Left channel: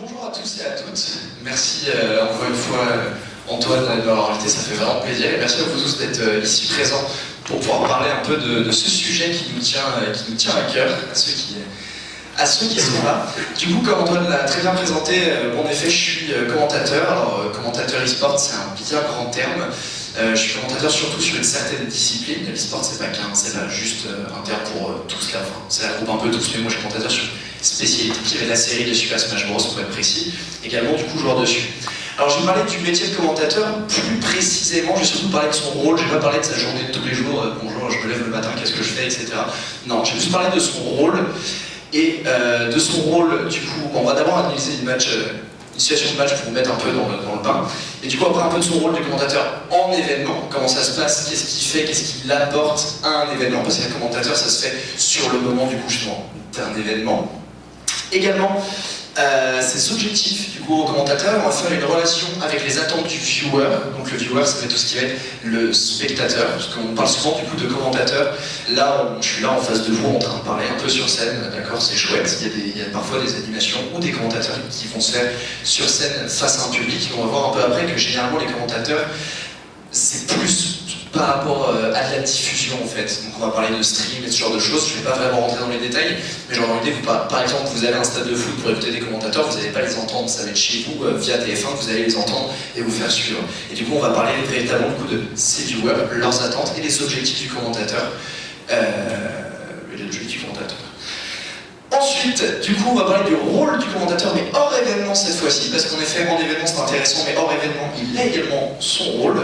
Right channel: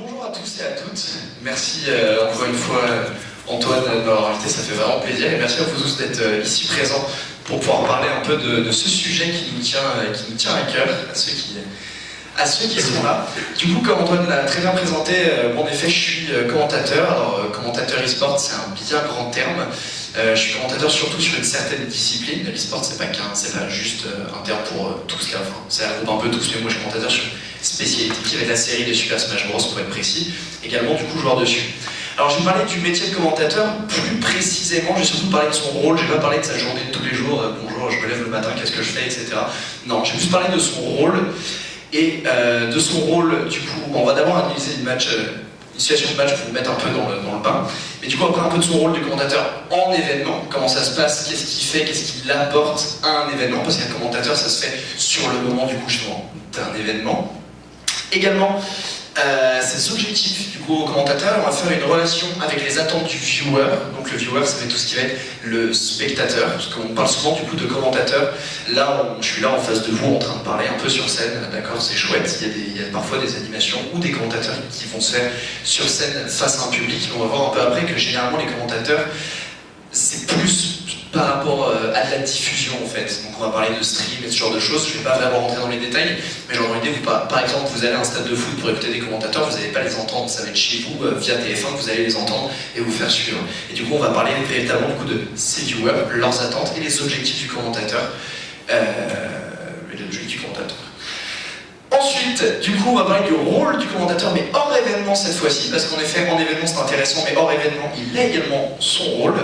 Bonjour à tous et à toutes. Merci encore une fois Antoine de m'avoir invité, ça fait vraiment plaisir. Et merci à vous tous d'être ici présents pour pouvoir parler un peu de ce sujet qui nous tient à cœur, à ceux qui sont là. Du coup, comme Antoine l'a très bien présenté, en effet, je suis commentateur. Alors, commentateur e-sport, c'est un bien grand terme. Je suis commentateur surtout sur une certaine discipline. L'e-sport, c'est pas juste un terme pour tous là. Enfin, ça regroupe un peu tous, mais moi je suis commentateur sur spécialité qui va être la série des Super Smash Bros pour être précis. Également, du coup, joueur dessus. Alors, je vais parler du métier de commentateur plus précisément. J'ai surtout parlé de son rôle. Je vais pas parler de sa journée de tous les jours. Bonjour, je me lève le matin, qu'est-ce que je fais, etc. Non, je vais plus parler de son rôle. Et de son rôle, du coup, on va d'abord analyser une situation de match pour vous mettre un peu dans le bain. Mais du coup, après un peu de son rôle de commentateur en événement, comment ça se passe, qu'est-ce qu'il fait, qu'est-ce qu'il apporte à un événement, parce qu'un commentateur, ça se fait sur le moment, du coup, justement, d'un événement. Également, ses objectifs, du coup, au commentateur, on va faire une relation avec les attentes du viewer. Donc le viewer, ça va être tout ce qui va être le spectateur, parce qu'on parle souvent, du coup, de commentateur. Là, je suis là en face de vous, en train de parler un peu sur scène, d'accord, c'est chouette. Il y a parfois des animations ou des commentateurs qui vont se faire sur scène face à un public. On va voir un peu après que généralement, les commentateurs, c'est plus par rapport à de la diffusion en fait. Donc on va parler de stream et ce genre de choses. Je ne vais pas vraiment rentrer dans les détails, mais genre dans l'idée, par exemple, vous allez à un stade de foot pour écouter des commentateurs, vous n'allez pas les entendre, ça va être chez vous via TF1 que vous allez les entendre et vous faire suivre. Et du coup, on va parler véritablement du coup de ces viewers, leurs attentes et les objectifs du commentateur. Ensuite, du coup, on va parler du rôle du commentateur, mais hors événement cette fois-ci, parce qu'en effet, en événement c'est intéressant, mais hors événement, il a également son rôle.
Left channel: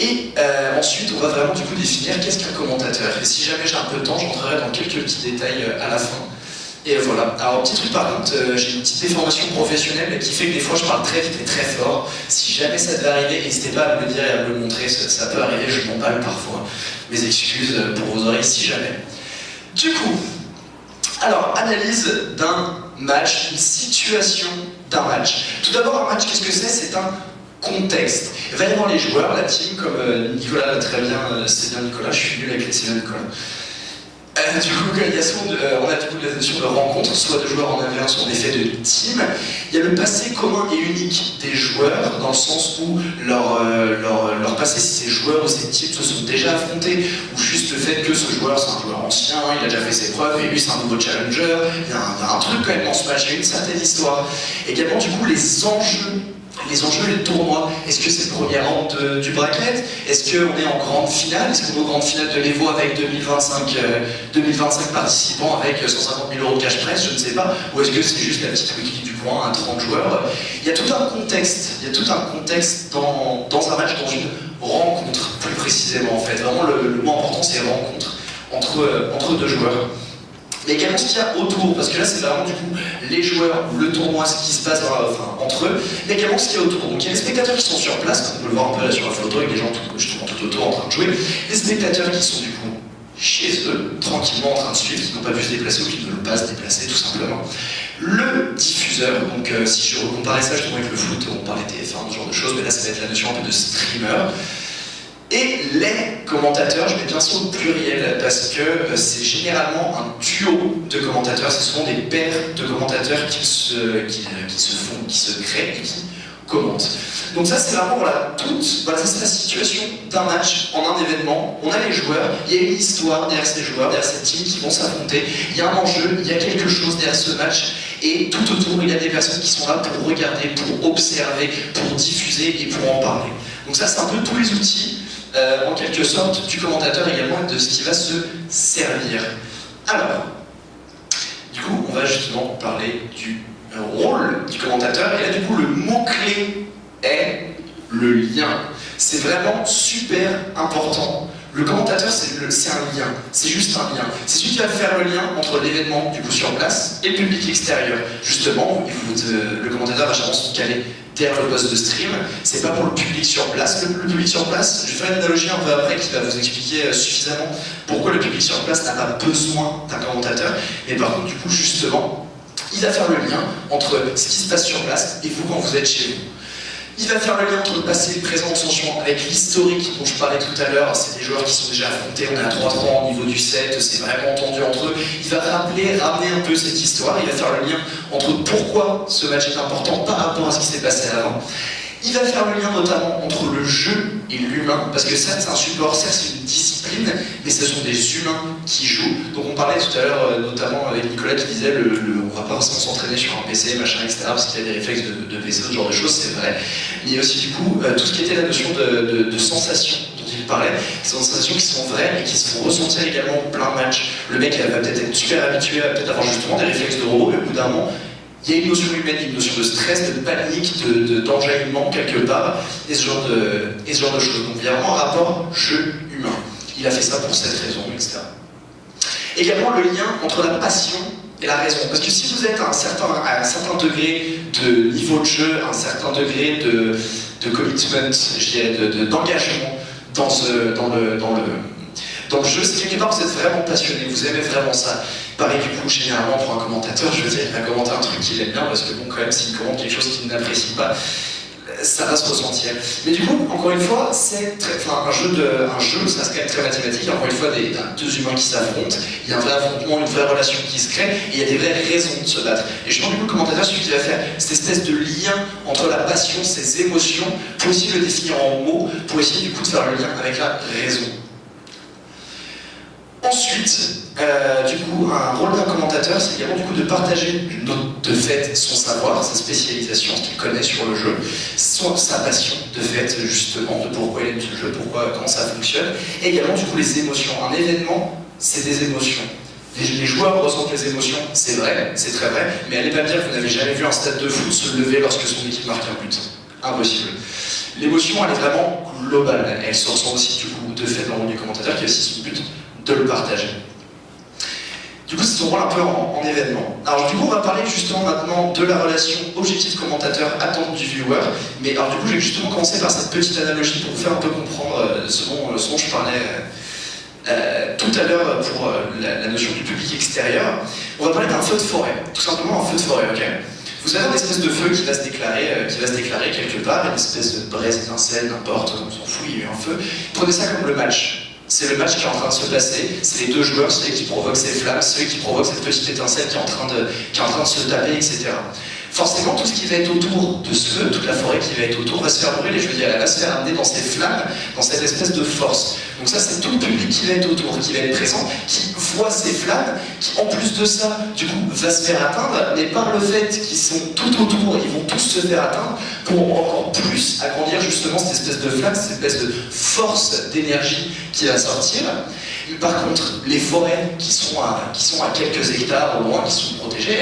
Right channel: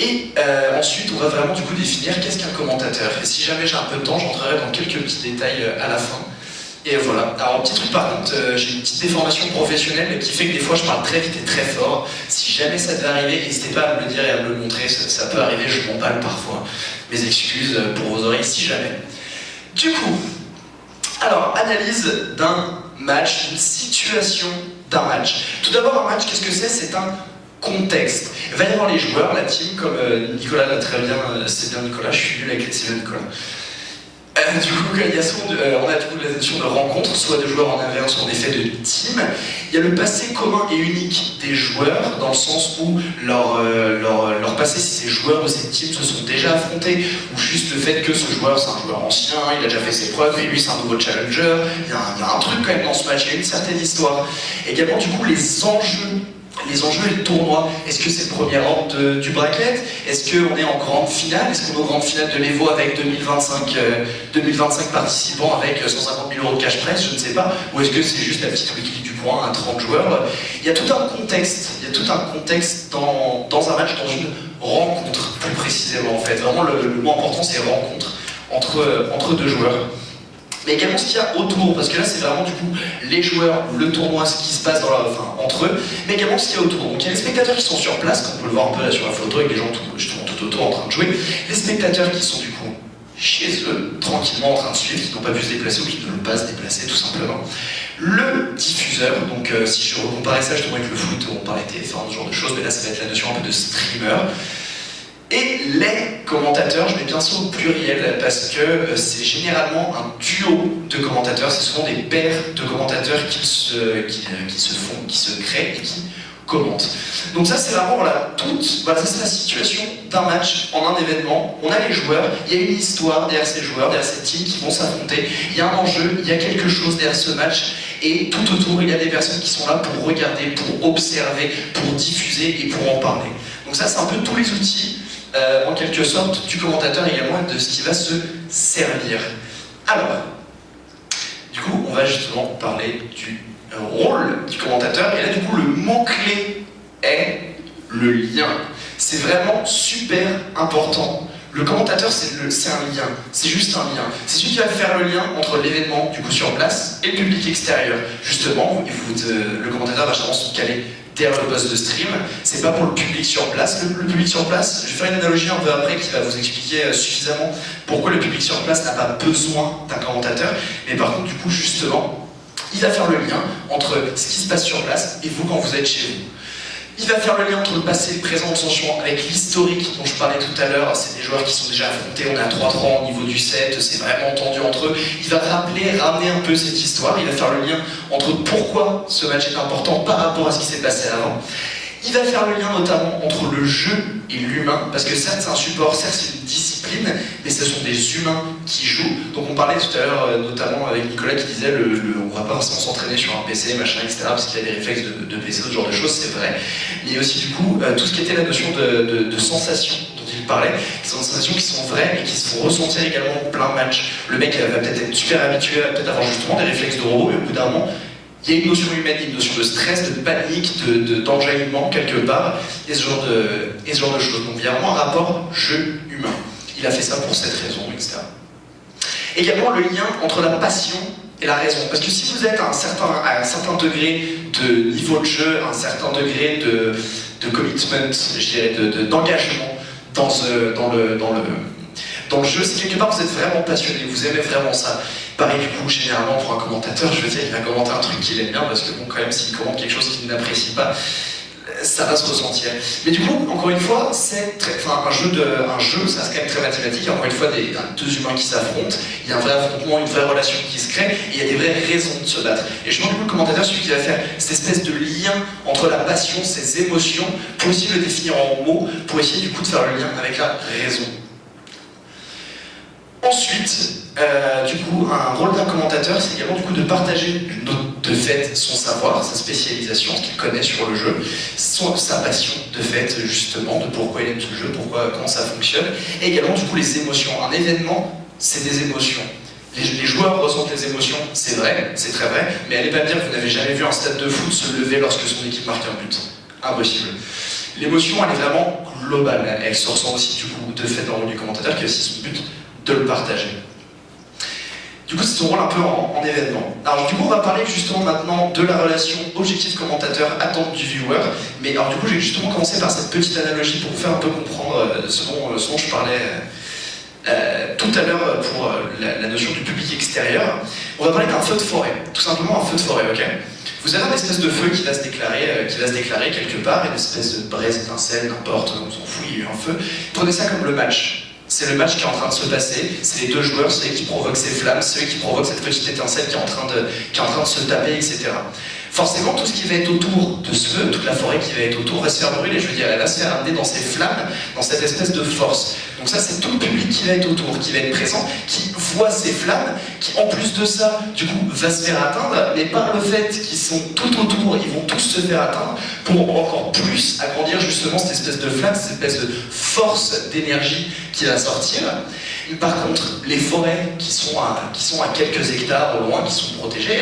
Et ensuite, on va vraiment du coup définir qu'est-ce qu'un commentateur. Et si jamais j'ai un peu de temps, j'entrerai dans quelques petits détails à la fin. Et voilà. Alors, petit truc par contre, j'ai une petite déformation professionnelle qui fait que des fois je parle très vite et très fort. Si jamais ça devait arriver, n'hésitez pas à me le dire et à me le montrer, ça peut arriver, je m'emballe parfois. Mes excuses pour vos oreilles si jamais. Du coup, alors, analyse d'un match, une situation d'un match. Tout d'abord, un match, qu'est-ce que c'est? C'est un contexte. Il va y avoir les joueurs, la team, comme Nicolas l'a très bien, c'est bien Nicolas, je suis nul avec les c'est bien Nicolas. Du coup, on a du coup la notion de rencontre, soit de joueurs en 1v1, soit en effet de team. Il y a le passé commun et unique des joueurs, dans le sens où leur passé, si ces joueurs ou ces teams se sont déjà affrontés, ou juste le fait que ce joueur, c'est un joueur ancien, il a déjà fait ses preuves, et lui, c'est un nouveau challenger. Il y a un truc quand même dans ce match, il y a une certaine histoire. Également, du coup, les enjeux et le tournoi. Est-ce que c'est le premier round du bracket? Est-ce qu'on est en grande finale? Est-ce qu'on est en grande finale de l'Evo avec 2025 participants avec 150 000 € de cash prize? Je ne sais pas. Ou est-ce que c'est juste la petite wiki du coin à 30 joueurs? Il y a tout un contexte. Dans un match, dans une rencontre, plus précisément en fait. Vraiment, le mot important, c'est rencontre entre deux joueurs. Mais également ce qu'il y a autour, parce que là c'est vraiment du coup les joueurs, le tournoi, ce qui se passe entre eux, mais également ce qu'il y a autour. Donc il y a les spectateurs qui sont sur place, comme on peut le voir un peu là sur la photo, avec des gens justement tout autour en train de jouer. Les spectateurs qui sont du coup chez eux, tranquillement en train de suivre, qui n'ont pas pu se déplacer ou qui ne veulent pas se déplacer tout simplement. Le diffuseur, donc si je comparais ça justement avec le foot, on parlait TF1, ce genre de choses, mais là ça va être la notion un peu de streamer. Et les commentateurs, je mets bien sûr au pluriel parce que c'est généralement un duo de commentateurs, c'est souvent des paires de commentateurs qui se créent et qui commentent. Donc ça c'est vraiment c'est la situation d'un match en un événement. On a les joueurs, il y a une histoire derrière ces joueurs, derrière cette team qui vont s'affronter, il y a un enjeu, il y a quelque chose derrière ce match. Et tout autour, il y a des personnes qui sont là pour regarder, pour observer, pour diffuser et pour en parler. Donc ça c'est un peu tous les outils en quelque sorte du commentateur également et de ce qui va se servir. Alors, du coup, on va justement parler du rôle du commentateur. Et là, du coup, le mot-clé est le lien. C'est vraiment super important. Le commentateur, c'est un lien. C'est juste un lien. C'est celui qui va faire le lien entre l'événement, du coup, sur place et le public extérieur. Justement, le commentateur va généralement se caler derrière le poste de stream, c'est pas pour le public sur place. Le public sur place, je vais faire une analogie un peu après qui va vous expliquer suffisamment pourquoi le public sur place n'a pas besoin d'un commentateur, mais par contre du coup justement, il va faire le lien entre ce qui se passe sur place et vous quand vous êtes chez vous. Il va faire le lien entre le passé et le présent en tension avec l'historique dont je parlais tout à l'heure. C'est des joueurs qui sont déjà affrontés, on est à 3-3 au niveau du set, c'est vraiment tendu entre eux. Il va ramener un peu cette histoire, il va faire le lien entre pourquoi ce match est important par rapport à ce qui s'est passé avant. Il va faire le lien notamment entre le jeu et l'humain, parce que certes c'est un support, certes c'est une discipline, mais ce sont des humains qui jouent. Donc on parlait tout à l'heure, notamment avec Nicolas qui disait on va pas forcément s'entraîner sur un PC, machin, etc., parce qu'il y a des réflexes de PC, ce genre de choses, c'est vrai. Mais il y a aussi du coup tout ce qui était la notion de sensation dont il parlait, qui sont des sensations qui sont vraies et qui se font ressentir également en plein match. Le mec va peut-être être super habitué à peut-être avoir justement des réflexes de robot, et au bout d'un moment, il y a une notion humaine, une notion de stress, de panique, d'enjaillement quelque part, et ce genre de choses. Donc il y a vraiment un rapport jeu-humain. Il a fait ça pour cette raison, etc. Également le lien entre la passion et la raison. Parce que si vous êtes à un certain degré de niveau de jeu, à un certain degré de commitment, je dirais, d'engagement dans le jeu, c'est quelque part vous êtes vraiment passionné, vous aimez vraiment ça. Pareil du coup, généralement pour un commentateur, je veux dire, il va commenter un truc qu'il aime bien, parce que bon, quand même, s'il commente quelque chose qu'il n'apprécie pas, ça va se ressentir. Mais du coup, encore une fois, un jeu, ça reste quand même très mathématique. Encore une fois, deux humains qui s'affrontent, il y a un vrai affrontement, une vraie relation qui se crée, et il y a des vraies raisons de se battre. Et je pense du coup, le commentateur, celui qui va faire cette espèce de lien entre la passion, ces émotions, pour essayer de le définir en mots, pour essayer du coup de faire le lien avec la raison. Ensuite, du coup, un rôle d'un commentateur, c'est également du coup de partager de fait son savoir, sa spécialisation, ce qu'il connaît sur le jeu, sa passion de fait justement, de pourquoi il aime ce jeu, comment ça fonctionne, et également du coup les émotions. Un événement, c'est des émotions. Les joueurs ressentent les émotions, c'est vrai, c'est très vrai, mais allez pas me dire que vous n'avez jamais vu un stade de foot se lever lorsque son équipe marque un but. Impossible. L'émotion, elle est vraiment globale, elle se ressent aussi du coup de fait dans le rôle du commentateur qui a aussi son but de le partager. Du coup, c'est son rôle un peu en événement. Alors du coup, on va parler justement maintenant de la relation objectif-commentateur, attente du viewer. Mais alors du coup, j'ai justement commencé par cette petite analogie pour vous faire un peu comprendre ce dont je parlais tout à l'heure pour la notion du public extérieur. On va parler d'un feu de forêt, tout simplement un feu de forêt, ok ? Vous avez une espèce de feu qui va se déclarer quelque part, une espèce de braise, étincelle, n'importe, on s'en fout, il y a eu un feu. Prenez ça comme le match. C'est le match qui est en train de se passer, c'est les deux joueurs, ceux qui provoquent ces flammes, ceux qui provoquent cette petite étincelle qui est en train de se taper, etc. Forcément, tout ce qui va être autour de ce feu, toute la forêt qui va être autour, va se faire brûler, je veux dire, elle va se faire amener dans ces flammes, dans cette espèce de force. Donc ça, c'est tout le public qui va être autour, qui va être présent, qui voit ces flammes, qui en plus de ça, du coup, va se faire atteindre, mais par le fait qu'ils sont tout autour, ils vont tous se faire atteindre, pour encore plus agrandir justement cette espèce de flamme, cette espèce de force d'énergie qui va sortir. Mais par contre, les forêts qui sont à quelques hectares au loin, qui sont protégées,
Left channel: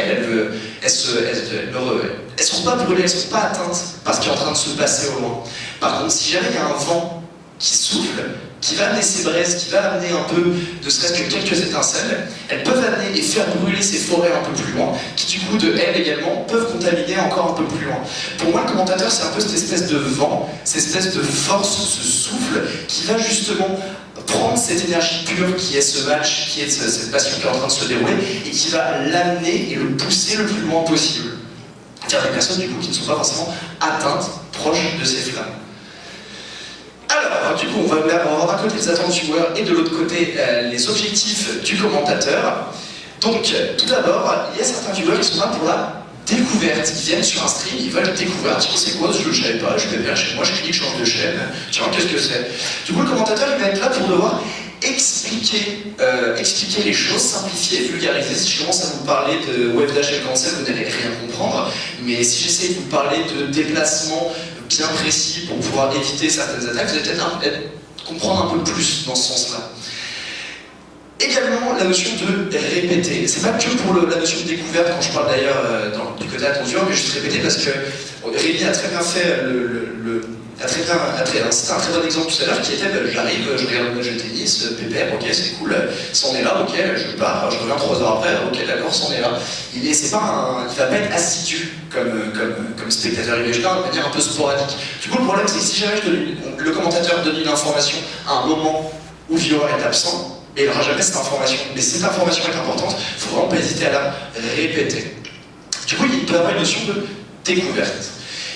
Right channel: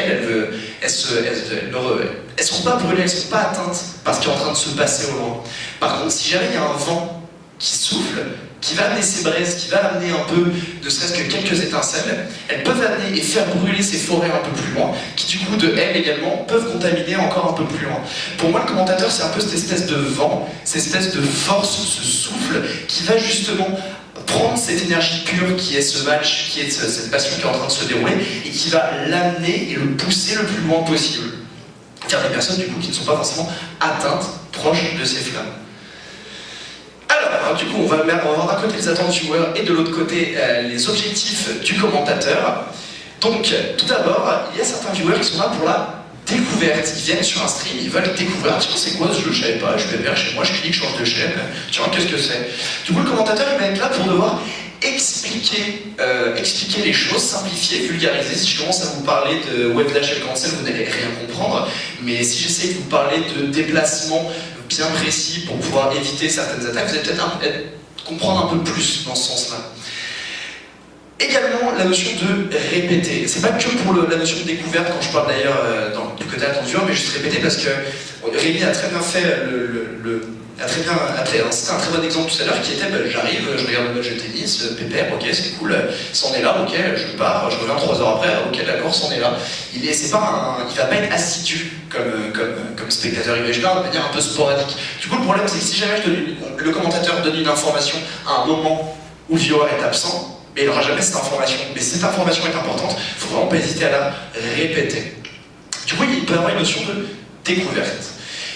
elles sont pas brûlées, elles sont pas atteintes par ce qui est en train de se passer au loin. Par contre, si jamais il y a un vent qui souffle, qui va amener ces braises, qui va amener un peu, ne serait-ce que quelques étincelles, elles peuvent amener et faire brûler ces forêts un peu plus loin, qui du coup, de elles également, peuvent contaminer encore un peu plus loin. Pour moi, le commentateur, c'est un peu cette espèce de vent, cette espèce de force, ce souffle, qui va justement prendre cette énergie pure qui est ce match, qui est cette passion qui est en train de se dérouler, et qui va l'amener et le pousser le plus loin possible. Car des personnes, du coup, qui ne sont pas forcément atteintes, proches de ces flammes. Alors, du coup, on va avoir d'un côté les attentes du joueur et de l'autre côté les objectifs du commentateur. Donc, tout d'abord, il y a certains viewers qui sont là pour la découverte. Ils viennent sur un stream, ils veulent découvrir. Tiens, c'est quoi ce jeu? Je savais pas, je vais vers chez moi, je clique, je change de chaîne. Tiens, qu'est-ce que c'est? Du coup, le commentateur, il va être là pour devoir expliquer les choses, simplifier, vulgariser. Si je commence à vous parler de Webdash et Cancel, vous n'allez rien comprendre. Mais si j'essaie de vous parler de déplacement bien précis pour pouvoir éviter certaines attaques, vous allez peut-être comprendre un peu plus dans ce sens-là. Également, la notion de répéter. C'est pas que pour la notion de découverte, quand je parle d'ailleurs du côté attendu, mais juste répéter parce que Rémi a très bien fait c'était un très bon exemple tout à l'heure qui était j'arrive, je regarde le match de tennis, pépère, ok, c'est cool, c'en est là, ok, je pars, je reviens 3 heures après, ok, d'accord, c'en est là. Il va pas être assidu comme spectateur, il va juste là de manière un peu sporadique. Du coup, le problème, c'est que si jamais le commentateur donne une information à un moment où le viewer est absent, mais il n'aura jamais cette information. Mais si cette information est importante, il ne faut vraiment pas hésiter à la répéter. Du coup, il peut y avoir une notion de découverte.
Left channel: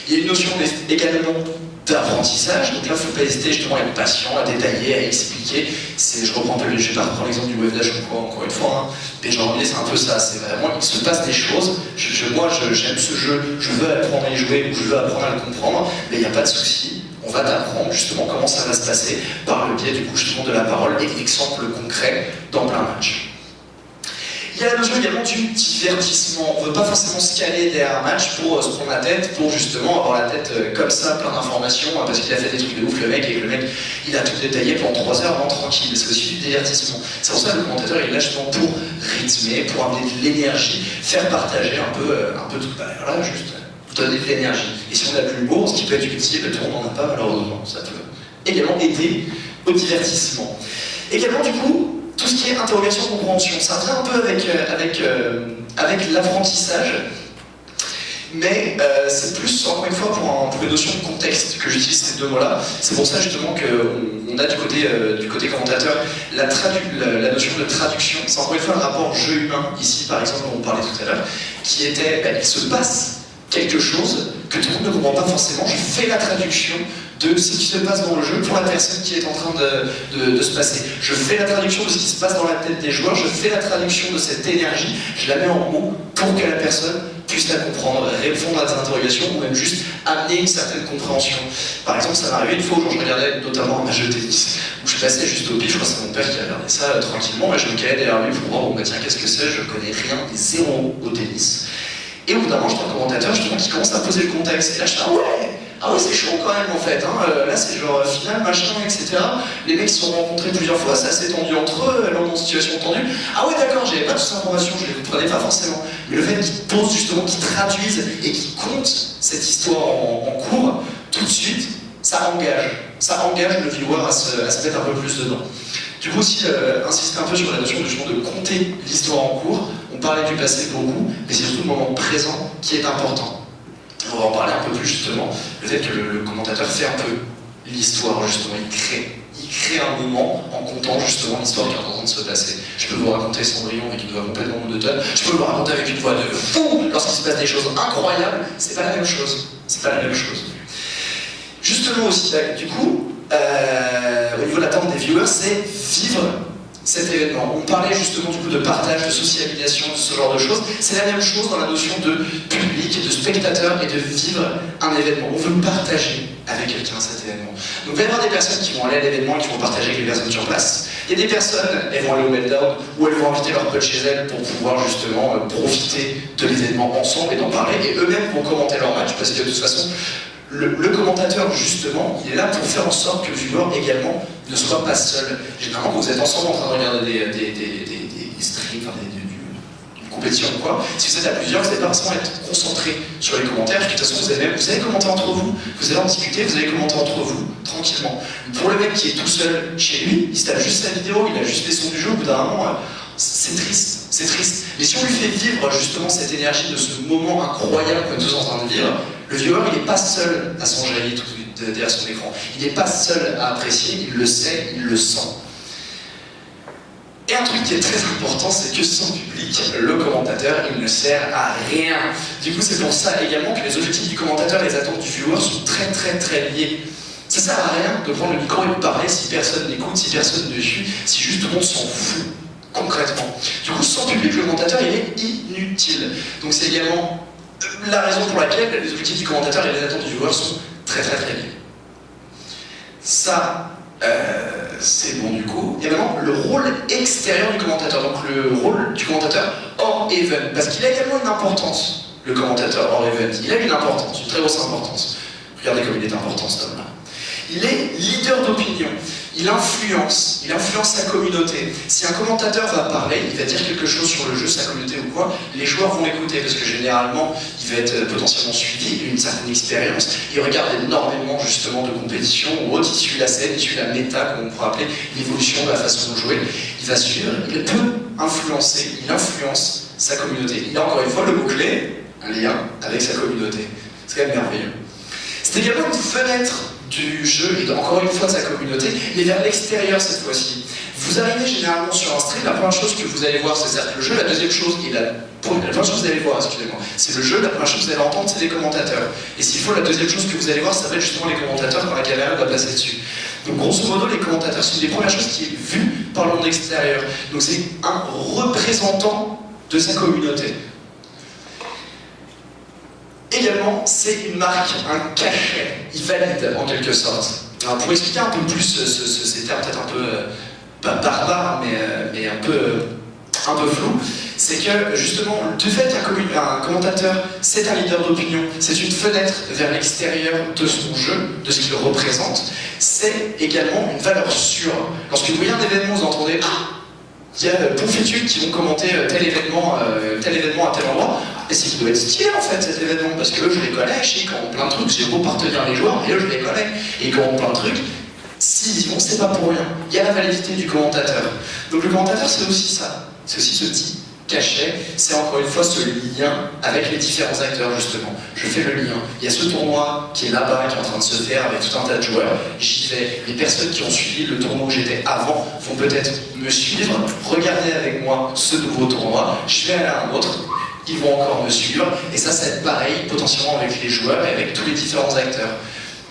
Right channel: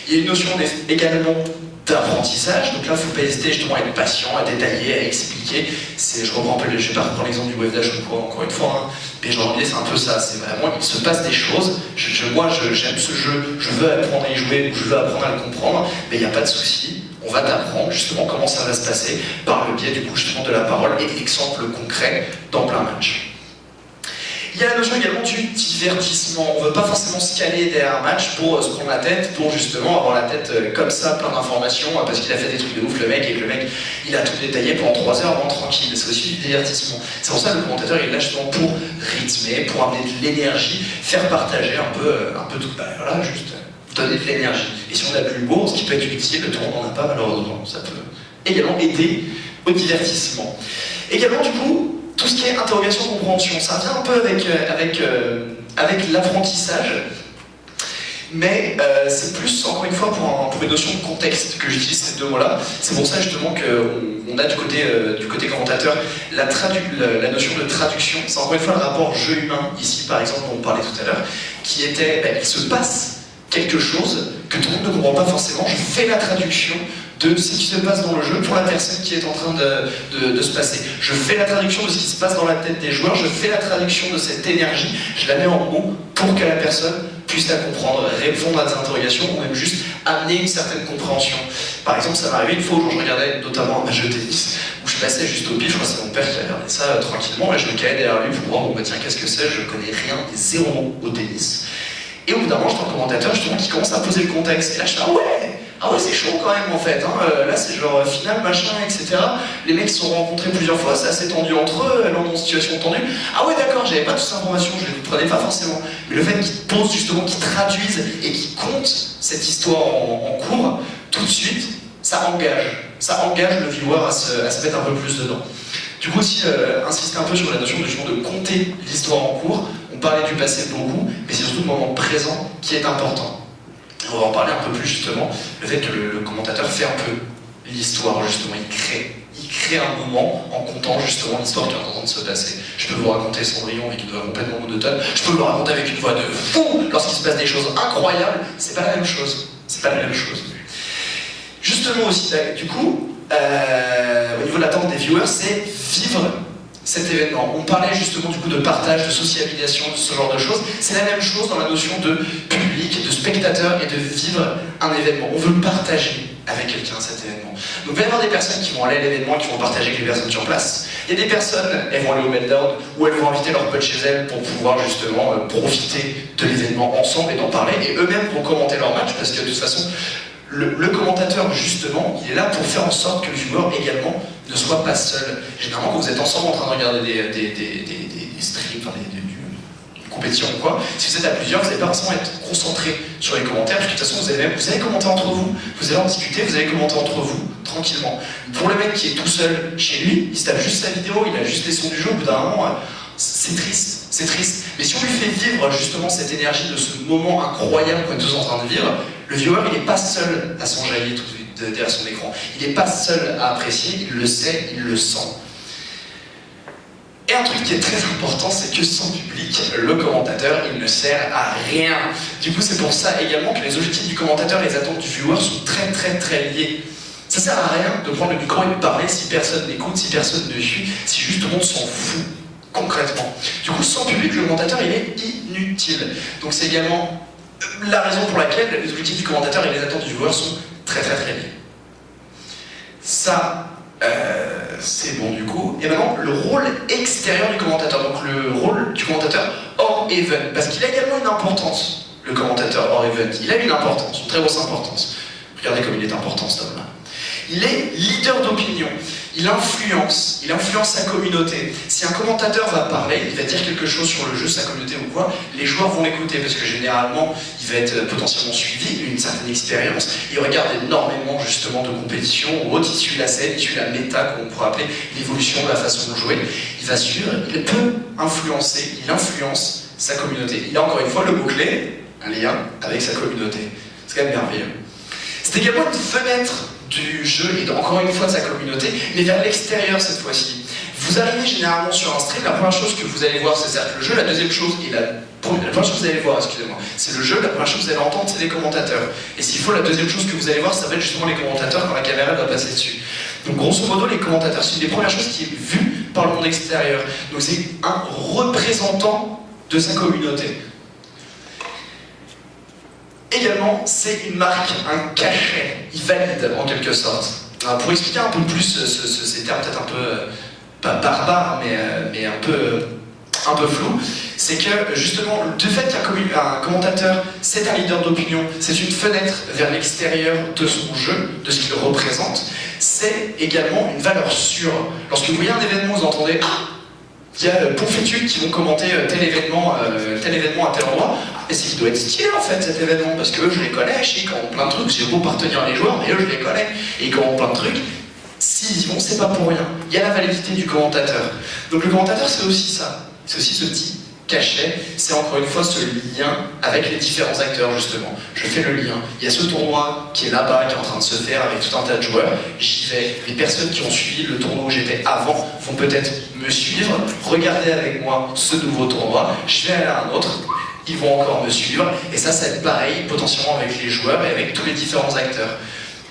Il y a une notion également d'apprentissage, donc là il ne faut pas hésiter justement à être patient, à détailler, à expliquer. Je reprends un peu, je vais pas reprendre l'exemple du wave dash encore une fois, hein, mais genre l'idée c'est un peu ça, c'est vraiment il se passe des choses, moi j'aime ce jeu, je veux apprendre à y jouer, ou je veux apprendre à le comprendre, mais il n'y a pas de souci, on va t'apprendre justement comment ça va se passer par le biais du coup justement de la parole et d'exemples concrets dans plein match. Il y a la notion également du divertissement. On ne veut pas forcément se caler derrière un match pour se prendre la tête, pour justement avoir la tête comme ça, plein d'informations, parce qu'il a fait des trucs de ouf le mec, et que le mec il a tout détaillé pendant 3 heures, vraiment tranquille. C'est aussi du divertissement. C'est pour ça que le commentateur il est là justement pour rythmer, pour amener de l'énergie, faire partager un peu tout. Voilà, juste donner de l'énergie. Et si on a de l'humour, ce qui peut être utile, tout le monde n'en a pas malheureusement. Ça peut également aider au divertissement. Également du coup, tout ce qui est interrogation-compréhension, ça vient un peu avec l'apprentissage, mais c'est plus, encore une fois, pour une notion de contexte que j'utilise ces deux mots-là. C'est pour ça justement qu'on a du côté commentateur la notion de traduction. C'est encore une fois le rapport jeu humain, ici par exemple, dont on parlait tout à l'heure, qui était, il se passe quelque chose que tout le monde ne comprend pas forcément, je fais la traduction de ce qui se passe dans le jeu pour la personne qui est en train de se passer. Je fais la traduction de ce qui se passe dans la tête des joueurs, je fais la traduction de cette énergie, je la mets en mots pour que la personne puisse la comprendre, répondre à des interrogations ou même juste amener une certaine compréhension. Par exemple, ça m'est arrivé une fois où je regardais notamment un match de tennis, où je passais juste au pif, je crois que c'est mon père qui regardait ça tranquillement, et je me calais derrière lui pour voir, bon bah tiens, qu'est-ce que c'est, je connais rien, zéro au tennis. Et au bout d'un moment, j'entends un commentateur justement qui commence à poser le contexte. Et là, je dis ah ouais, c'est chaud quand même en fait. Hein. Là, c'est genre final, machin, etc. Les mecs se sont rencontrés plusieurs fois, c'est assez tendu entre eux, elles ont une situation tendue. Ah ouais, d'accord, j'avais pas toutes ces informations, je les comprenais pas forcément. Mais le fait qu'ils posent justement, qu'ils traduisent et qu'ils comptent cette histoire en cours, tout de suite, ça engage le viewer à se mettre un peu plus dedans. Du coup aussi, insister un peu sur la notion de compter l'histoire en cours. On parlait du passé beaucoup, mais c'est surtout le moment présent qui est important. On va en parler un peu plus justement, le fait que le commentateur fait un peu l'histoire justement, il crée un moment en comptant justement l'histoire qui est en train de se passer. Je peux vous raconter Cendrillon avec une voix complètement monotone, je peux vous le raconter avec une voix de fou lorsqu'il se passe des choses incroyables, c'est pas la même chose. C'est pas la même chose. Justement aussi, du coup, au niveau de l'attente des viewers, c'est vivre cet événement. On parlait justement du coup de partage, de socialisation, de ce genre de choses. C'est la même chose dans la notion de public, de spectateur et de vivre un événement. On veut partager avec quelqu'un cet événement. Donc il va y avoir des personnes qui vont aller à l'événement, qui vont partager avec les personnes sur place. Il y a des personnes, elles vont aller au meltdown, ou elles vont inviter leurs potes chez elles pour pouvoir justement profiter de l'événement ensemble et d'en parler. Et eux-mêmes vont commenter leur match, parce que de toute façon, le commentateur, justement, il est là pour faire en sorte que le viewer également ne soit pas seul. Généralement, quand vous êtes ensemble en train de regarder des streams, enfin une compétition ou quoi, si vous êtes à plusieurs, vous n'allez pas forcément être concentré sur les commentaires, parce que de toute façon, vous allez commenter entre vous, vous allez en discuter, vous allez commenter entre vous, tranquillement. Pour le mec qui est tout seul chez lui, il se tape juste sa vidéo, il a juste les sons du jeu, au bout d'un moment, c'est triste, c'est triste. Mais si on lui fait vivre justement cette énergie de ce moment incroyable qu'on est tous en train de vivre, le viewer, il n'est pas seul à s'enjailler derrière son écran. Il n'est pas seul à apprécier, il le sait, il le sent. Et un truc qui est très important, c'est que sans public, le commentateur, il ne sert à rien. Du coup, c'est pour ça également que les objectifs du commentateur et les attentes du viewer sont très très très liés. Ça sert à rien de prendre le micro et de parler si personne n'écoute, si personne ne suit, si juste tout le monde s'en fout. Concrètement. Du coup, sans public, le commentateur, il est inutile. Donc c'est également la raison pour laquelle les objectifs du commentateur et les attentes du viewer sont très très très liés. Ça, c'est bon du coup. Et maintenant, le rôle extérieur du commentateur, donc le rôle du commentateur hors event, parce qu'il a également une importance, le commentateur hors event. Il a une importance, une très grosse importance. Regardez comme il est important cet homme-là. Il est leader d'opinion, il influence sa communauté. Si un commentateur va parler, il va dire quelque chose sur le jeu, sa communauté ou quoi, les joueurs vont l'écouter parce que généralement, il va être potentiellement suivi, une certaine expérience. Il regarde énormément justement de compétitions ou autres, il suit la scène, il suit la méta, comme on pourrait appeler l'évolution de la façon de jouer. Il va suivre, il peut influencer, il influence sa communauté. Il a encore une fois le mot-clé, un lien avec sa communauté. C'est quand même merveilleux. C'est également une fenêtre du jeu et encore une fois de sa communauté, mais vers l'extérieur cette fois-ci. Vous arrivez généralement sur un stream, la première chose que vous allez voir, c'est certes le jeu, la deuxième chose, la première chose que vous allez voir, excusez-moi, c'est le jeu, la première chose que vous allez entendre, c'est les commentateurs. Et s'il faut, la deuxième chose que vous allez voir, ça va être justement les commentateurs quand la caméra doit passer dessus. Donc grosso modo, les commentateurs, c'est une des premières choses qui est vue par le monde extérieur. Donc c'est un représentant de sa communauté. Également, c'est une marque, un cachet, il valide en quelque sorte. Alors, pour expliquer un peu plus ces termes peut-être un peu, pas barbares, mais un peu flou, c'est que justement, du fait qu'un commentateur, c'est un leader d'opinion, c'est une fenêtre vers l'extérieur de son jeu, de ce qu'il représente, c'est également une valeur sûre. Lorsque vous voyez un événement, vous entendez « Ah, il y a Poufétude qui vont commenter tel événement à tel endroit », et c'est qu'il doit être stylé en fait cet événement, parce que eux je les connais, je sais qu'ils ont plein de trucs, j'ai beau partenir les joueurs, et eux je les connais, et ils ont plein de trucs. S'ils y vont, c'est pas pour rien. Il y a la validité du commentateur. Donc le commentateur, c'est aussi ça. C'est aussi ce petit cachet. C'est encore une fois ce lien avec les différents acteurs, justement. Je fais le lien. Il y a ce tournoi qui est là-bas, qui est en train de se faire avec tout un tas de joueurs. J'y vais. Les personnes qui ont suivi le tournoi où j'étais avant vont peut-être me suivre, regarder avec moi ce nouveau tournoi. Je vais aller à un autre. Ils vont encore me suivre. Et ça va être pareil, potentiellement avec les joueurs et avec tous les différents acteurs.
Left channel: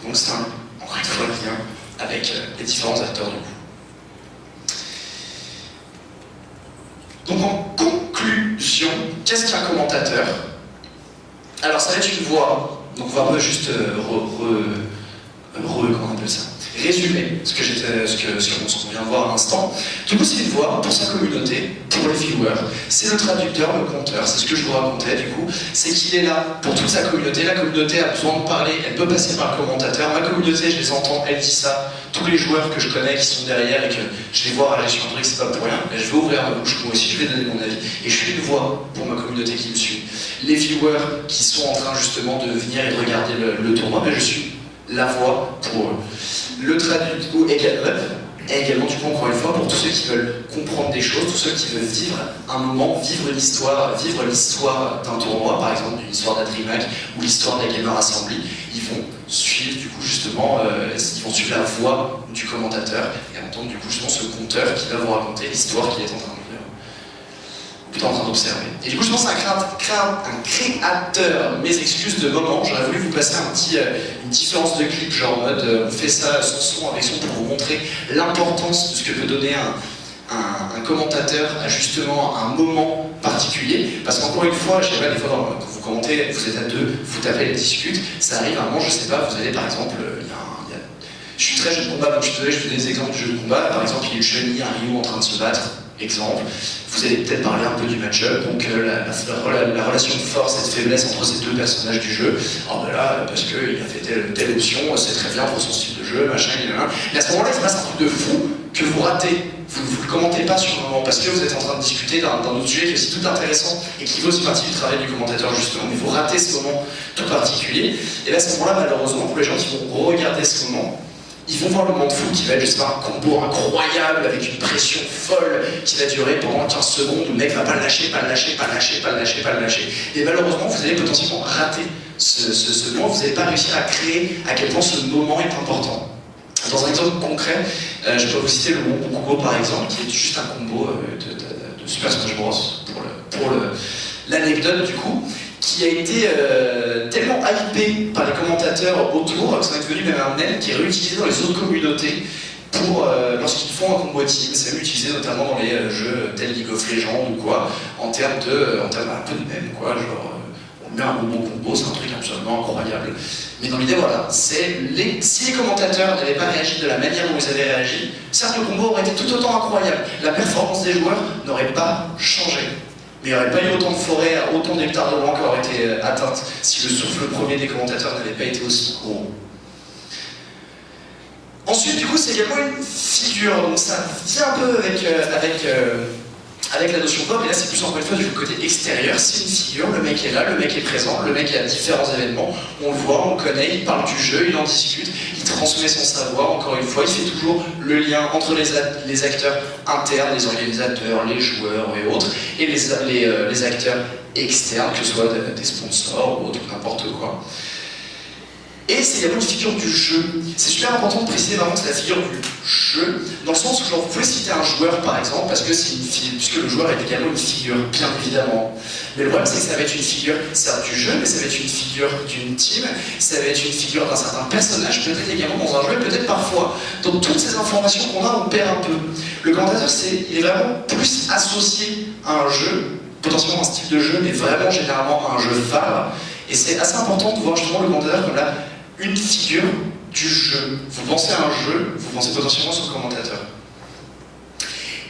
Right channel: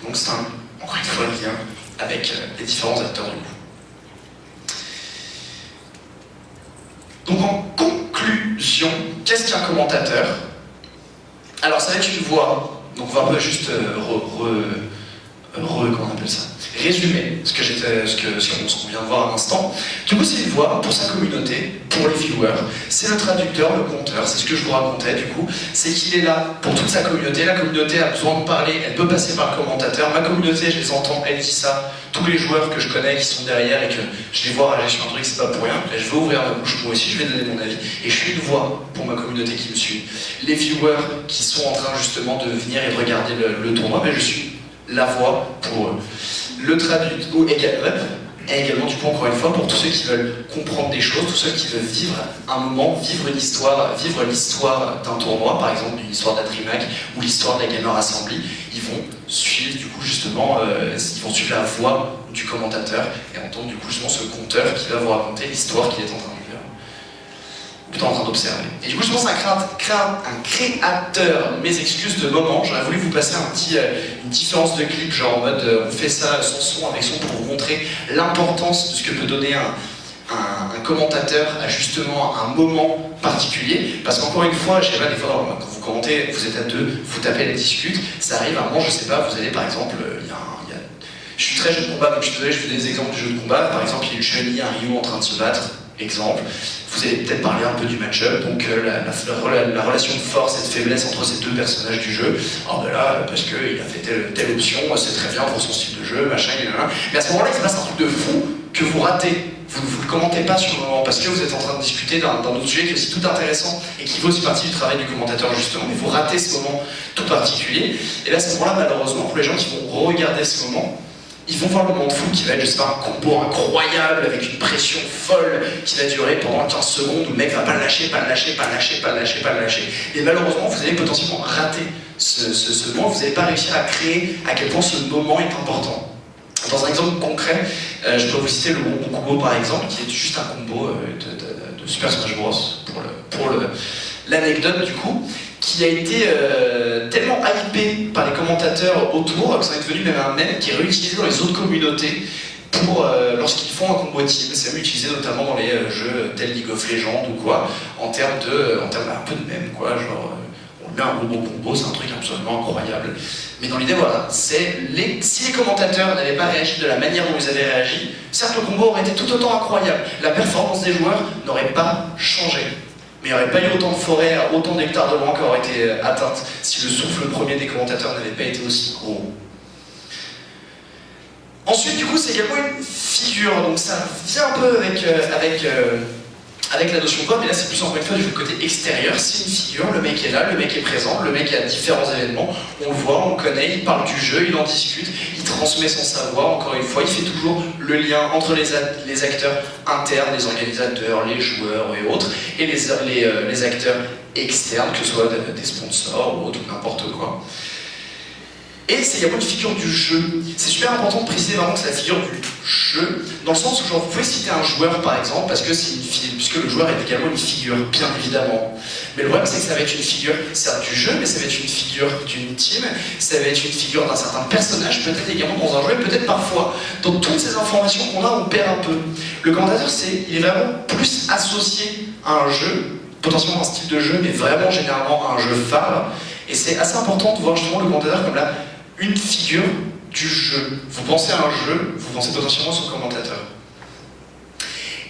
Donc c'est encore une fois le lien avec les différents acteurs du coup. Donc en conclusion, qu'est-ce qu'un commentateur? Alors ça va être une voix, donc on va pas juste comment on appelle ça, résumer ce qu'on vient de voir à l'instant. Du coup c'est une voix pour sa communauté, pour les viewers, c'est le traducteur, le conteur, c'est ce que je vous racontais du coup, c'est qu'il est là pour toute sa communauté, la communauté a besoin de parler, elle peut passer par le commentateur, ma communauté je les entends, elle dit ça, tous les joueurs que je connais qui sont derrière et que je les vois réagir sur un truc, c'est pas pour rien, et je vais ouvrir ma bouche, moi aussi je vais donner mon avis, et je suis une voix pour ma communauté qui me suit. Les viewers qui sont en train justement de venir et de regarder le tournoi, mais je suis la voix pour eux. Le traducteur également, du coup, encore une fois, pour tous ceux qui veulent comprendre des choses, tous ceux qui veulent vivre un moment, vivre l'histoire d'un tournoi, par exemple une histoire d'Adrimac ou l'histoire de la Gamer Assembly, ils vont suivre du coup justement, ils vont suivre la voix du commentateur et entendre du coup justement ce conteur qui va vous raconter l'histoire qu'il est en train de vivre, en train d'observer. Et du coup, je pense à un créateur, mes excuses de moment, j'aurais voulu vous passer une différence de clip, genre en mode on fait ça sans son, avec son, pour vous montrer l'importance de ce que peut donner un commentateur à justement un moment particulier. Parce qu'encore une fois, je sais pas, des fois, quand vous commentez, vous êtes à deux, vous tapez, elle discute, ça arrive à un moment, je sais pas, vous allez par exemple, je suis très jeu de combat, donc je suis désolé, je fais des exemples de jeux de combat. Par exemple, il y a une Chun-Li, un Ryu en train de se battre. Exemple, vous allez peut-être parler un peu du match-up, donc la relation de force et de faiblesse entre ces deux personnages du jeu. Alors ben là, parce qu'il a fait telle option, c'est très bien pour son style de jeu, machin, mais à ce moment-là, il se passe un truc de fou que vous ratez. Vous ne le commentez pas sur le moment, parce que vous êtes en train de discuter d'un autre sujet qui est aussi tout intéressant et qui fait aussi partie du travail du commentateur justement, mais vous ratez ce moment tout particulier. Et là, à ce moment-là, malheureusement, pour les gens qui vont regarder ce moment, ils vont voir le monde fou qui va être, je sais pas, un combo incroyable avec une pression folle qui va durer pendant 15 secondes où le mec va pas le lâcher, pas le lâcher, pas le lâcher, pas le lâcher, pas le lâcher. Et malheureusement, vous allez potentiellement rater ce moment, vous n'allez pas réussir à créer à quel point ce moment est important. Dans un exemple concret, je peux vous citer le Wombo Combo par exemple, qui est juste un combo de Super Smash Bros. Pour l'anecdote du coup, qui a été tellement hypé par les commentateurs autour que ça est devenu même un mème qui est réutilisé dans les autres communautés pour lorsqu'ils font un combo team. C'est même utilisé notamment dans les jeux tels League of Legends ou quoi, en termes un peu de mème quoi, genre on met un bon combo, c'est un truc absolument incroyable. Mais dans l'idée voilà, si les commentateurs n'avaient pas réagi de la manière dont ils avaient réagi, certes le combo aurait été tout autant incroyable, la performance des joueurs n'aurait pas changé. Mais il n'y aurait pas eu autant de forêts, autant d'hectares de loin qui auraient été atteintes si le souffle premier des commentateurs n'avait pas été aussi gros. Ensuite, du coup, c'est également une figure, donc ça vient un peu avec la notion pop, et là c'est plus encore une fois du côté extérieur, c'est une figure, le mec est là, le mec est présent, le mec est à différents événements, on le voit, on le connaît, il parle du jeu, il en discute, il transmet son savoir, encore une fois, il fait toujours le lien entre les acteurs internes, les organisateurs, les joueurs et autres, et les acteurs externes, que ce soit des sponsors ou autre, n'importe quoi. Et c'est également une figure du jeu. C'est super important de préciser vraiment que c'est la figure du jeu, dans le sens où genre, vous pouvez citer un joueur par exemple, parce que puisque le joueur est également une figure, bien évidemment. Mais le problème c'est que ça va être une figure, certes du jeu, mais ça va être une figure d'une team, ça va être une figure d'un certain personnage, peut-être également dans un jeu, peut-être parfois. Donc toutes ces informations qu'on a, on perd un peu. Le commentateur, il est vraiment plus associé à un jeu, potentiellement un style de jeu, mais vraiment généralement à un jeu phare. Et c'est assez important de voir justement le commentateur comme là, une figure du jeu. Vous pensez à un jeu, vous pensez potentiellement à son commentateur.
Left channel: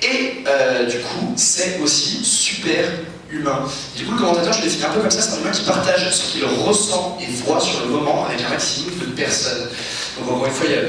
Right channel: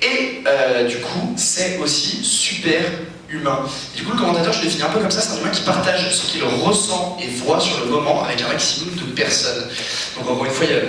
Et du coup, c'est aussi super humain. Du coup, le commentateur, je le définis un peu comme ça, c'est un humain qui partage ce qu'il ressent et voit sur le moment avec un maximum de personnes. Donc encore une fois, il y a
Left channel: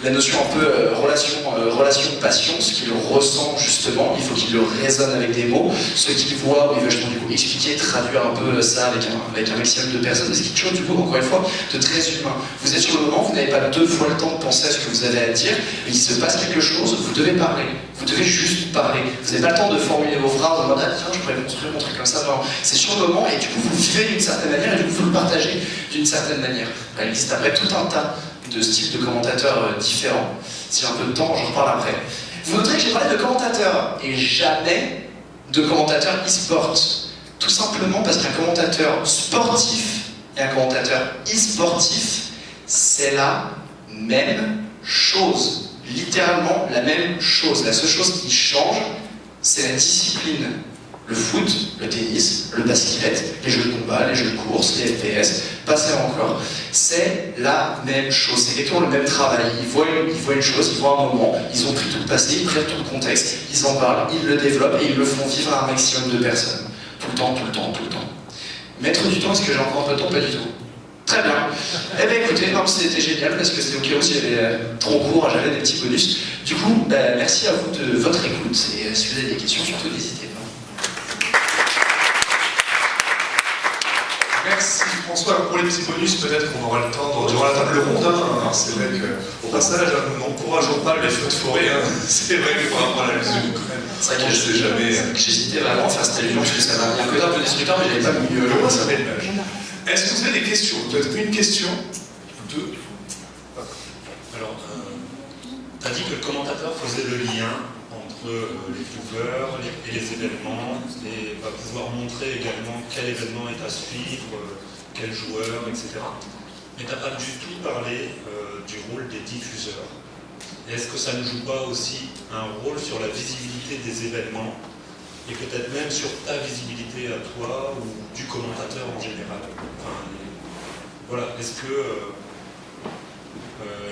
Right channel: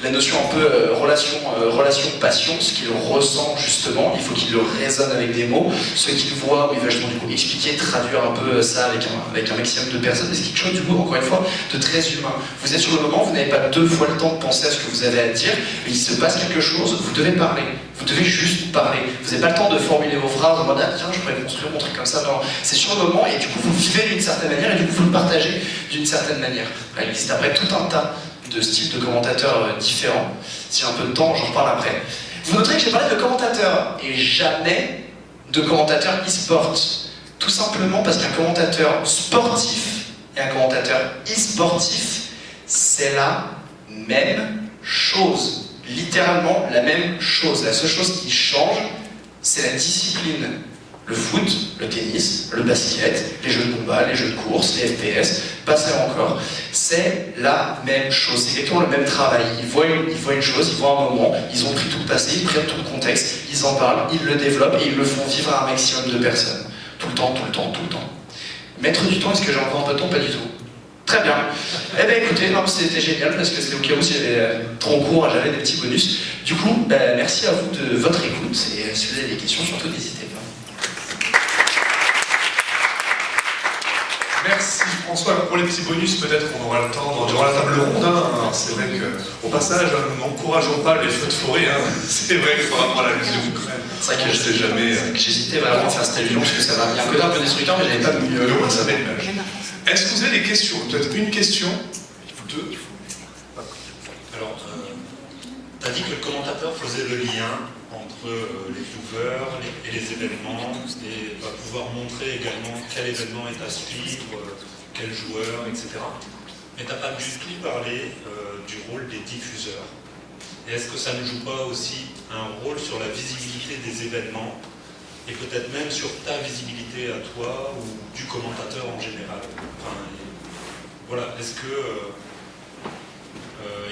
la notion un peu relation-passion, ce qu'il ressent justement, il faut qu'il le résonne avec des mots, ce qu'il voit, il va justement du coup expliquer, traduire un peu ça avec un maximum de personnes, et c'est quelque chose du coup, encore une fois, de très humain. Vous êtes sur le moment, vous n'avez pas 2 fois le temps de penser à ce que vous avez à dire, mais il se passe quelque chose, vous devez parler, vous devez juste parler. Vous n'avez pas le temps de formuler vos phrases en mode ah tiens, je pourrais construire mon truc comme ça, non, c'est sur le moment, et du coup vous le vivez d'une certaine manière, et du coup vous le partagez d'une certaine manière. Il existe après tout un tas de styles de commentateurs différents. Si j'ai un peu de temps, j'en reparle après. Vous noterez que j'ai parlé de commentateurs et jamais de commentateurs e-sport. Tout simplement parce qu'un commentateur sportif et un commentateur e-sportif, c'est la même chose. Littéralement la même chose. La seule chose qui change, c'est la discipline. Le foot, le tennis, le basket, les jeux de combat, les jeux de course, les FPS, passez encore. C'est la même chose, c'est exactement le même travail. Ils voient une chose, ils voient un moment, ils ont pris tout le passé, ils prennent tout le contexte, ils en parlent, ils le développent et ils le font vivre à un maximum de personnes. Tout le temps, tout le temps, tout le temps. Mettre du temps, est-ce que j'ai encore un peu de temps? Pas du tout. Très bien. Eh bien écoutez, c'était génial parce que c'était au cas où s'il y avait trop court, j'avais des petits bonus. Du coup, merci à vous de votre écoute et si vous avez des questions, surtout n'hésitez pas. Merci François. Pour les petits bonus, peut-être qu'on aura le temps durant la table ronde. Alors, c'est vrai qu'au passage, nous n'encourageons pas les feux de forêt. C'est vrai qu'il faut apprendre à l'usine de l'Ukraine. C'est vrai que je sais jamais. J'hésitais vraiment à faire cette allusion parce que ça m'a mis un côté un peu destructeur, mais j'avais pas mis le roi, ça m'aide. Est-ce que vous avez des questions? Peut-être une question, 2. Alors, tu as dit que le commentateur faisait le lien entre les viewers et les événements et va pouvoir montrer également quel événement est à suivre, quel joueur, etc. Mais tu n'as pas du tout parlé du rôle des diffuseurs. Et est-ce que ça ne joue pas aussi un rôle sur la visibilité des événements et peut-être même sur ta visibilité à toi ou du commentateur en général? Enfin, voilà, est-ce que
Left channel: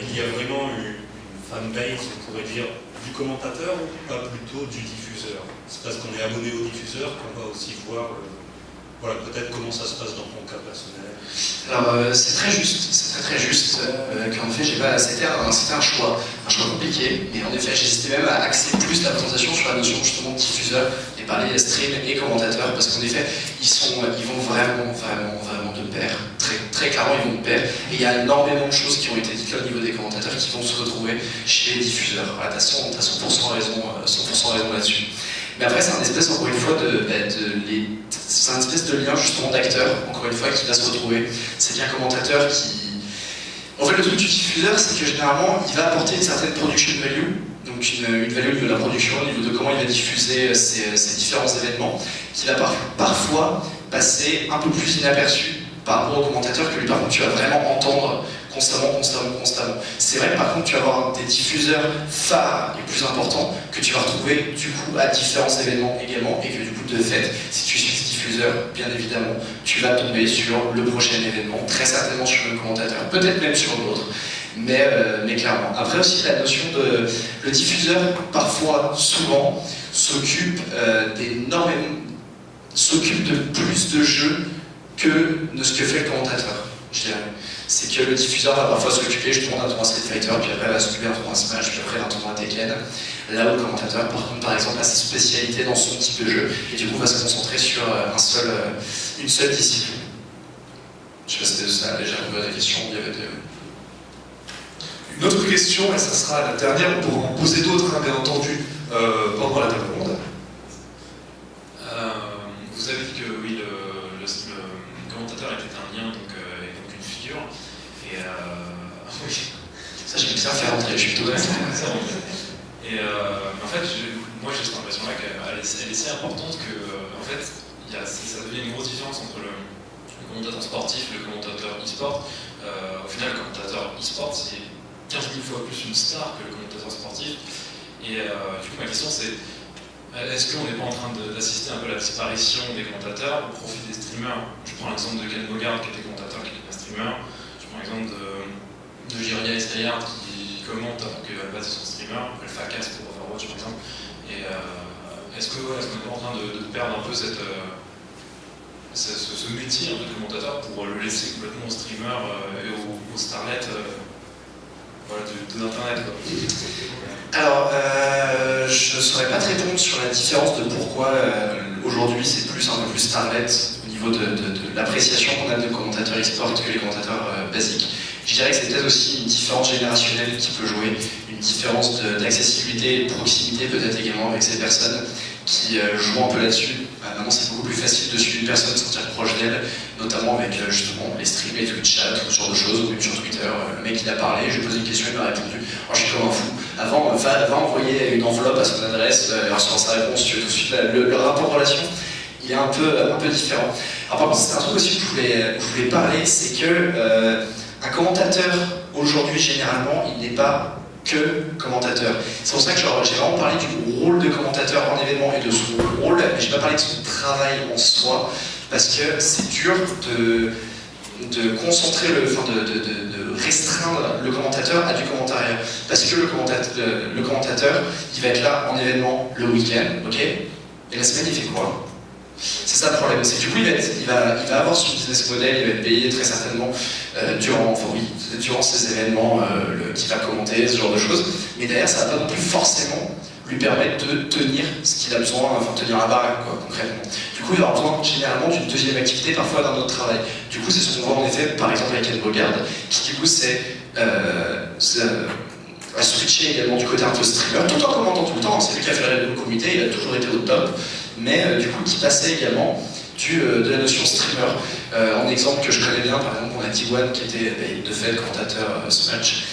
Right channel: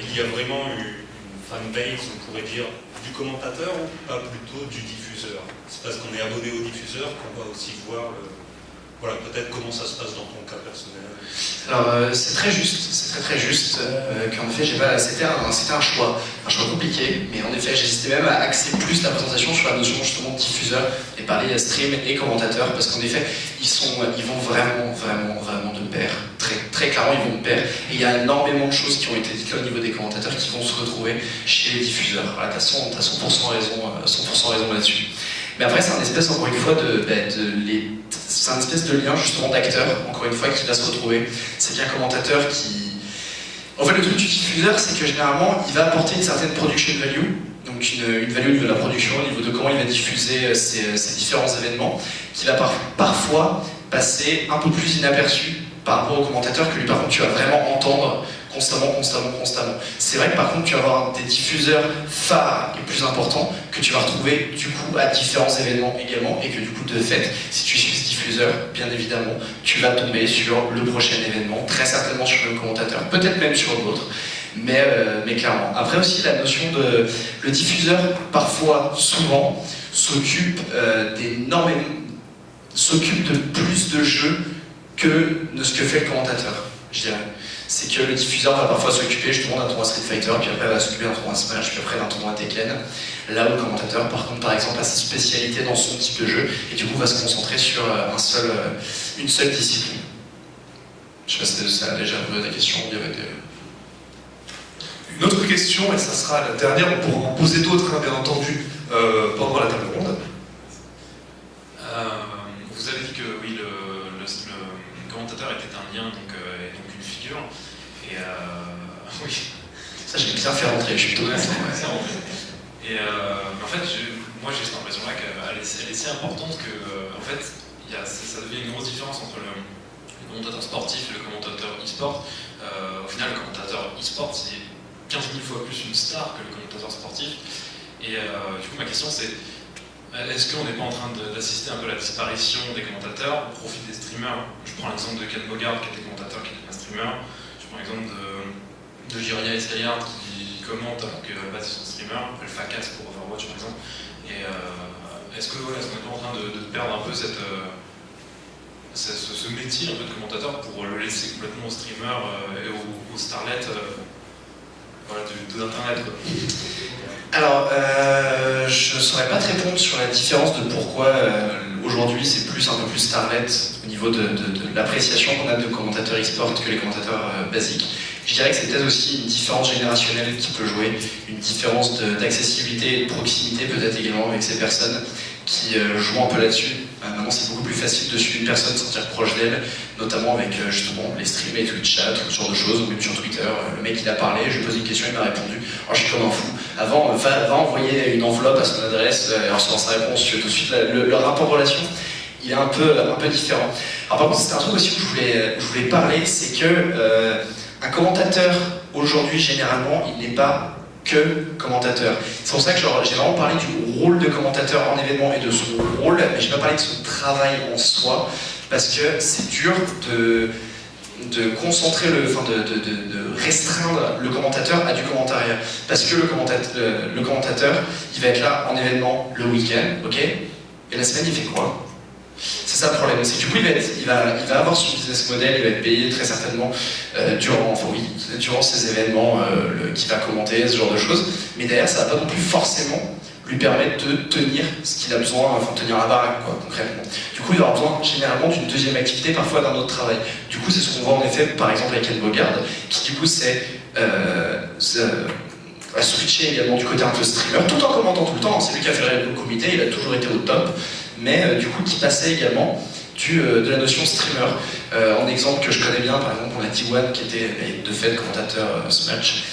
il y a vraiment une fanbase, on pourrait dire, du commentateur ou pas plutôt du diffuseur? C'est parce qu'on est abonné au diffuseur qu'on va aussi voir voilà, peut-être comment ça se passe dans ton cas personnel. Alors c'est très juste, qu'en effet c'était un choix compliqué, mais en effet j'hésitais même à axer plus la présentation sur la notion justement de diffuseur et parler stream et commentateur, parce qu'en effet ils vont vraiment de pair, très clairement ils vont de pair, et il y a énormément de choses qui ont été dites là, au niveau des commentateurs qui vont se retrouver chez les diffuseurs. Voilà, t'as 100% raison là-dessus. Mais après, c'est un espèce, encore une fois, c'est un espèce de lien, justement, d'acteur, encore une fois, qui va se retrouver. C'est bien un commentateur qui... En fait, le truc du diffuseur, c'est que généralement, il va apporter une certaine production value, donc une value de la production au niveau de comment il va diffuser ces différents événements, qui va parfois passer un peu plus inaperçu par rapport au commentateur que lui, par contre, tu vas vraiment entendre constamment. C'est vrai que par contre, tu vas avoir des diffuseurs phares les plus importants que tu vas retrouver du coup à différents événements également, et que du coup, de fait, si tu suis ce diffuseur, bien évidemment, tu vas tomber sur le prochain événement, très certainement sur le commentateur, peut-être même sur d'autres, mais clairement. Après aussi, la notion de... Le diffuseur, parfois, souvent, s'occupe de plus de jeux que ce que fait le commentateur, je dirais. C'est que le diffuseur va parfois s'occuper justement d'un tournoi Street Fighter, puis après va s'occuper d'un tournoi Smash, puis après d'un tournoi Tekken. Là où le commentateur, par contre, par exemple, a sa spécialité dans son type de jeu, et du coup va se concentrer sur une seule discipline. Je sais pas si ça a déjà répondu à la question, il y avait Une autre question, et ça sera la dernière, on pourra en poser d'autres, bien entendu, pendant la table ronde. Vous avez dit que oui, le commentateur était un lien, donc une figure. Tiens, fais rentrer, je suis tout content. Et en fait, moi j'ai cette impression-là qu'elle est si importante que, en fait, ça devient une grosse différence entre le commentateur sportif et le commentateur e-sport. Au final, le commentateur e-sport, c'est 15 000 fois plus une star que le commentateur sportif. Et du coup, ma question c'est, est-ce qu'on n'est pas en train d'assister un peu à la disparition des commentateurs au profit des streamers? Je prends l'exemple de Ken Bogard qui était commentateur, qui était un streamer. Je prends l'exemple de Jiria Estayard qui commente alors qu'il va passer son streamer, le Facas pour Overwatch par exemple. Et est-ce qu'on n'est pas en train de perdre un peu ce métier un peu de commentateur pour le laisser complètement aux streamers et aux starlets de l'internet? Alors, je ne saurais pas te répondre sur la différence de pourquoi aujourd'hui c'est un peu plus starlet au niveau de l'appréciation qu'on a de commentateurs e-sport que les commentateurs basiques. Je dirais que c'est peut-être aussi une différence générationnelle qui peut jouer, une différence d'accessibilité et de proximité peut-être également avec ces personnes qui jouent un peu là-dessus. Maintenant c'est beaucoup plus facile de suivre une personne, de se sentir proche d'elle, notamment avec justement les streams, les Twitch chat, tout ce genre de choses, ou même sur Twitter, le mec il a parlé, je lui ai posé une question, il m'a répondu. Alors je suis comme un fou. Avant, va envoyer une enveloppe à son adresse, et recevoir sa réponse, tout de suite le rapport relation, il est un peu différent. Alors par contre, c'est un truc aussi que je voulais parler, c'est que un commentateur aujourd'hui généralement, il n'est pas que commentateur. C'est pour ça que j'ai vraiment parlé du rôle de commentateur en événement et de son rôle, mais je n'ai pas parlé de son travail en soi, parce que c'est dur de concentrer de restreindre le commentateur à du commentariat. Parce que le commentateur, il va être là en événement le week-end, ok? Et la semaine, il fait quoi? C'est ça le problème, c'est que du coup il va avoir son business model, il va être payé très certainement durant ces événements qu'il va commenter, ce genre de choses, mais derrière ça va pas non plus forcément lui permettre de tenir ce qu'il a besoin, enfin tenir la baraque quoi, concrètement. Du coup il aura besoin généralement d'une deuxième activité, parfois d'un autre travail. Du coup c'est ce qu'on voit en effet par exemple avec Ken Bogard, qui du coup a switché également du côté un peu streamer, tout en commentant tout le temps, c'est lui qui a fait le comité, il a toujours été au top, mais du coup qui passait également de la notion streamer. En exemple que je connais bien, par exemple, on a T1 qui était de fait commentateur Smash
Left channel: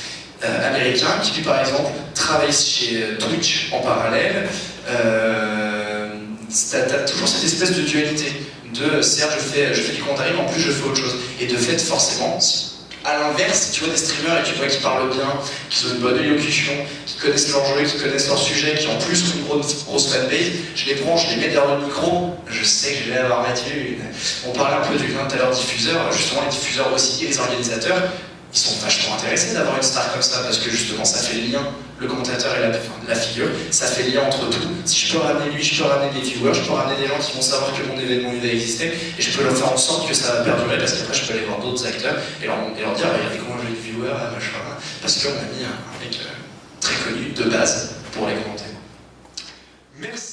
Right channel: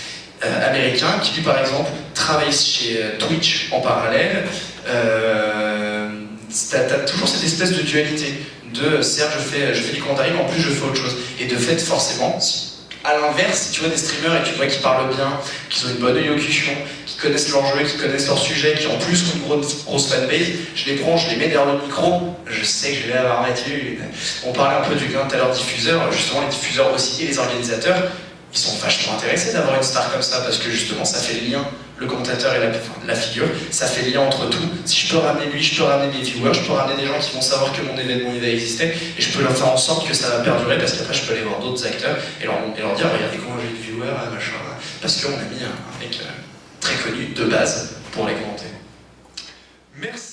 américain, qui lui par exemple travaille chez Twitch en parallèle. T'as toujours cette espèce de dualité de certes je fais du commentaire, mais en plus je fais autre chose. Et de fait forcément, à l'inverse, si tu vois des streamers et tu vois qu'ils parlent bien, qu'ils ont une bonne élocution, qui connaissent leur jeu, qui connaissent leur sujet, qui en plus ont une grosse fanbase, je les prends, je les mets derrière le micro, je sais que je vais avoir Mathieu. On parlait un peu du lien tout à l'heure diffuseur, justement les diffuseurs aussi et les organisateurs, ils sont vachement intéressés d'avoir une star comme ça parce que justement ça fait le lien, le commentateur et la figure, ça fait le lien entre tout. Si je peux ramener lui, je peux ramener mes viewers, je peux ramener des gens qui vont savoir que mon événement il va exister et je peux leur faire en sorte que ça va perdurer parce qu'après je peux aller voir d'autres acteurs et leur dire regardez comment j'ai des viewers, machin, parce qu'on a mis un mec très connu de base pour les commenter. Merci.